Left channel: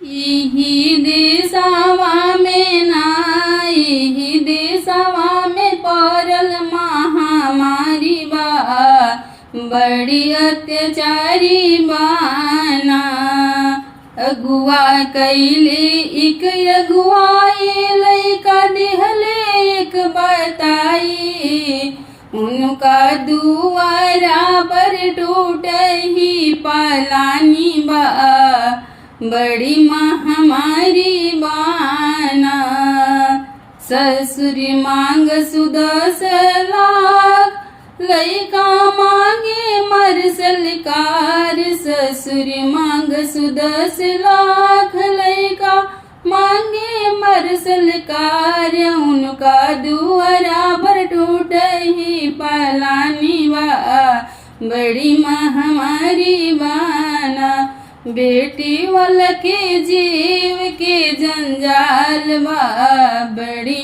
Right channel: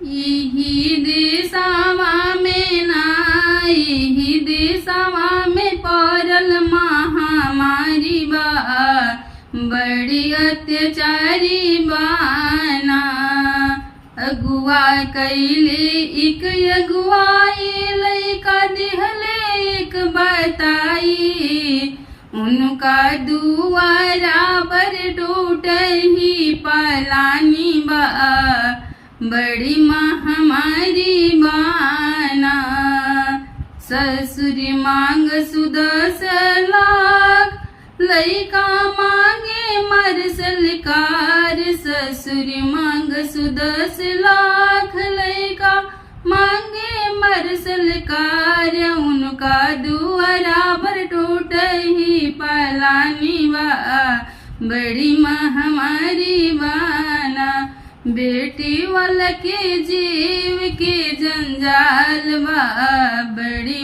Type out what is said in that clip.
यही देशवा में ना यही देशवा में पड़ल महामारी बा, बड़ी अत्याचारी बाना। अगुआ कैले एक अगुआई लैका देहले एक बताई, उनका दुआरा पर टूट ही पालानी बा, बड़ी महामारी बाना। ससुर मांग 10 लाख लैका मांगे मर सलकार, ससुर मांग 10 लाख लैका मांगे मर सलकार, उनका दुआरा पर टूट ही पालानी बा, बड़ी महामारी बाना। बेटी वाला के जीव के जंजाल बा, बड़ी